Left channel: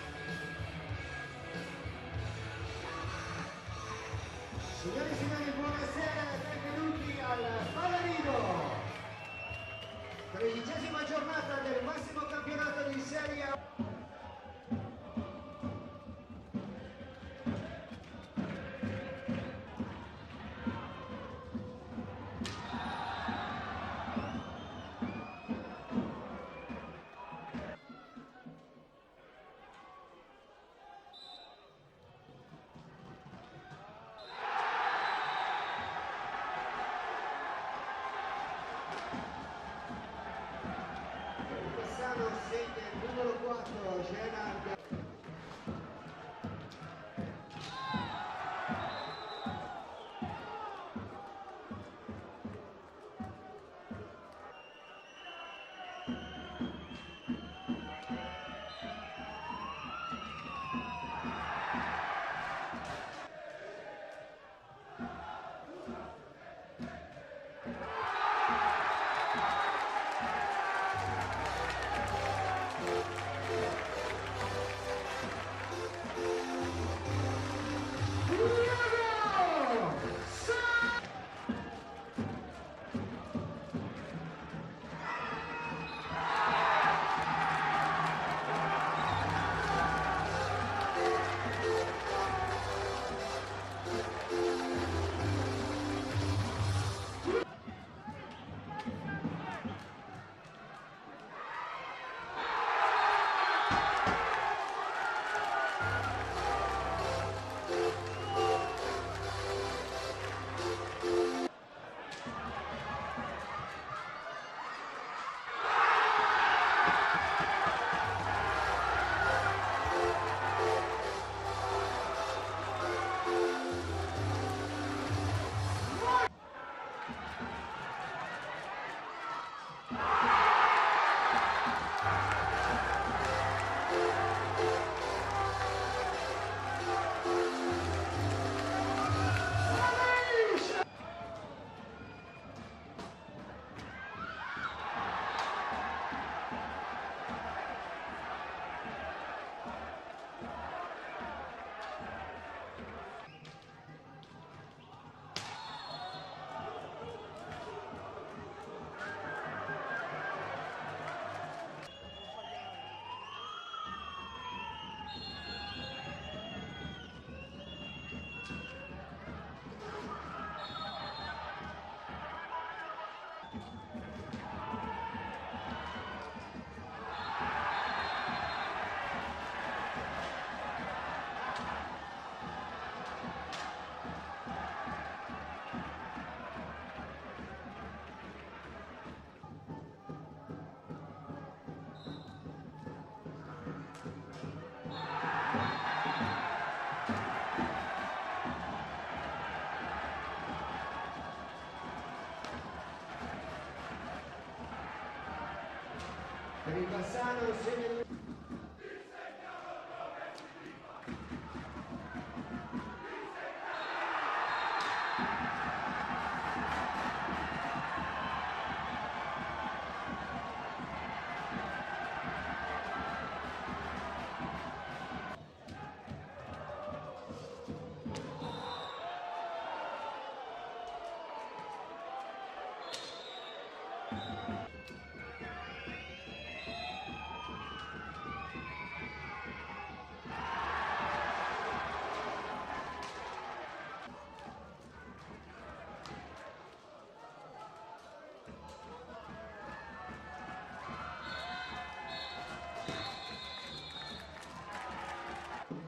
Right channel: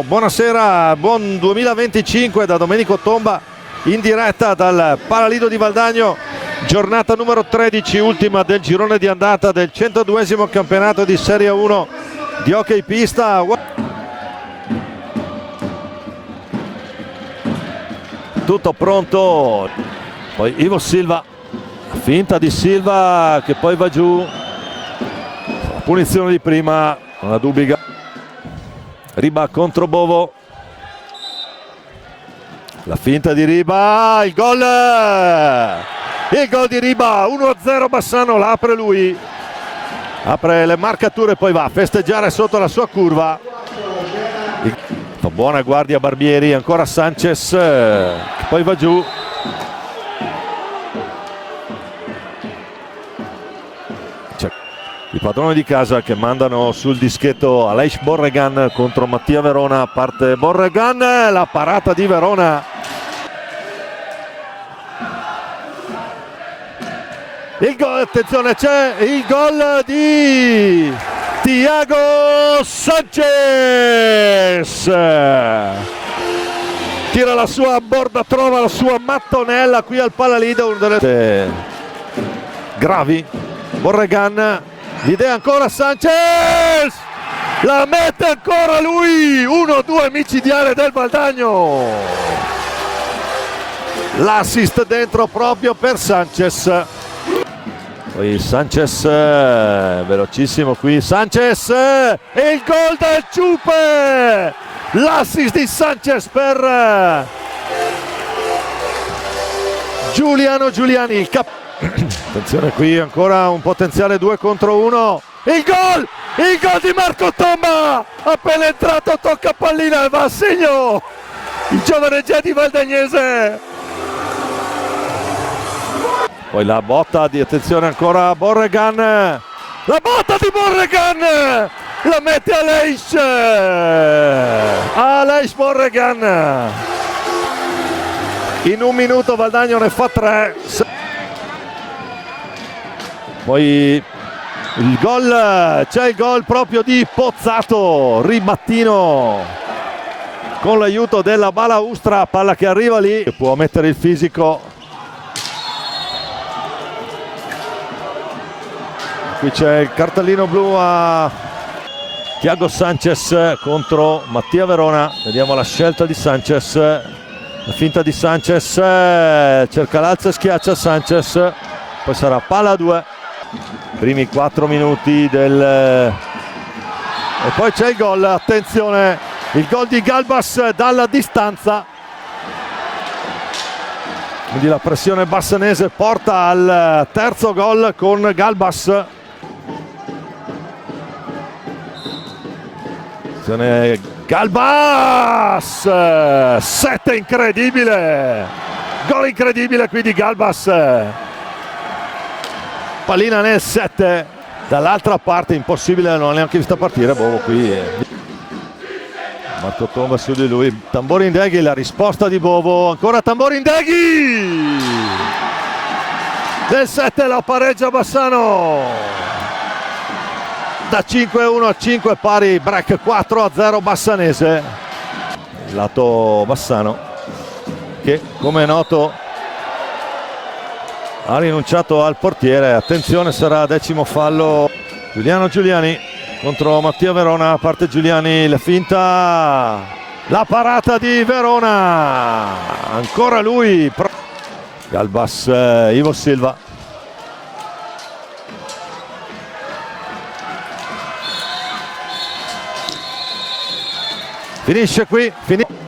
Buonasera, buon 2025 da Domenico Tomba in diretta dal Palalido di Valdagno, giornata numero 13, ultima del girone di andata del 102esimo campionato di Serie 1 di hockey pista. Tutto pronto, poi Ivo Silva, finta di Silva che poi va giù, la punizione di prima, una Dubiga. Riba contro Bovo, la finta di Riba, il gol di Riba, 1-0 Bassano, la apre lui, apre le marcature, poi va a festeggiare sotto la sua curva. Buona guardia Barbieri, ancora Sanchez, che poi va giù. I padroni di casa che mandano sul dischetto Aleix Borregan contro Mattia Verona. Parte Borregan, la parata di Verona. Il gol, attenzione, c'è il gol di Thiago Sanchez. Tira la sua borda, trova la sua mattonella qui al Palalido, una delle gravi. Borregan, l'idea ancora Sanchez, la mette ancora lui, 1-2 micidiale del Valdagno, l'assist dentro proprio per Sanchez. Poi Sanchez, velocissimo qui Sanchez, e il gol del Ciupe, l'assist di Sanchez per Giuliano Giuliani. Attenzione qui, ancora un potenziale 2 contro 1. Il gol di Marco Tomba, appena entrato tocca pallina e va a segno il giovane Jedi valdagnese. Poi la botta di, attenzione ancora Borregan, la botta di Borregan, la mette Aleix Borregan. In un minuto Valdagno ne fa 3. Poi il gol, c'è il gol proprio di Pozzato, ribattino con l'aiuto della balaustra, palla che arriva lì, può mettere il fisico. Qui c'è il cartellino blu a Thiago Sanchez contro Mattia Verona, vediamo la scelta di Sanchez, la finta di Sanchez, cerca l'alza e schiaccia Sanchez, poi sarà palla 2. Primi 4 minuti del... e poi c'è il gol, attenzione, il gol di Galbas dalla distanza, quindi la pressione bassanese porta al terzo gol con Galbas. Attenzione, Galbas, 7, incredibile, gol incredibile qui di Galbas. Pallina nel 7, dall'altra parte impossibile, non l'ho neanche vista partire Bovo qui. Marco Tomba su di lui, Tamborindeghi, la risposta di Bovo, ancora Tamborindeghi, nel 7 la pareggia Bassano, da 5-1 a 5 pari, break 4-0 bassanese. Lato Bassano che, come è noto, ha rinunciato al portiere. Attenzione, sarà 10° fallo. Giuliano Giuliani contro Mattia Verona, parte Giuliani, la finta, la parata di Verona, ancora lui, Galbas, Ivo Silva, finisce qui.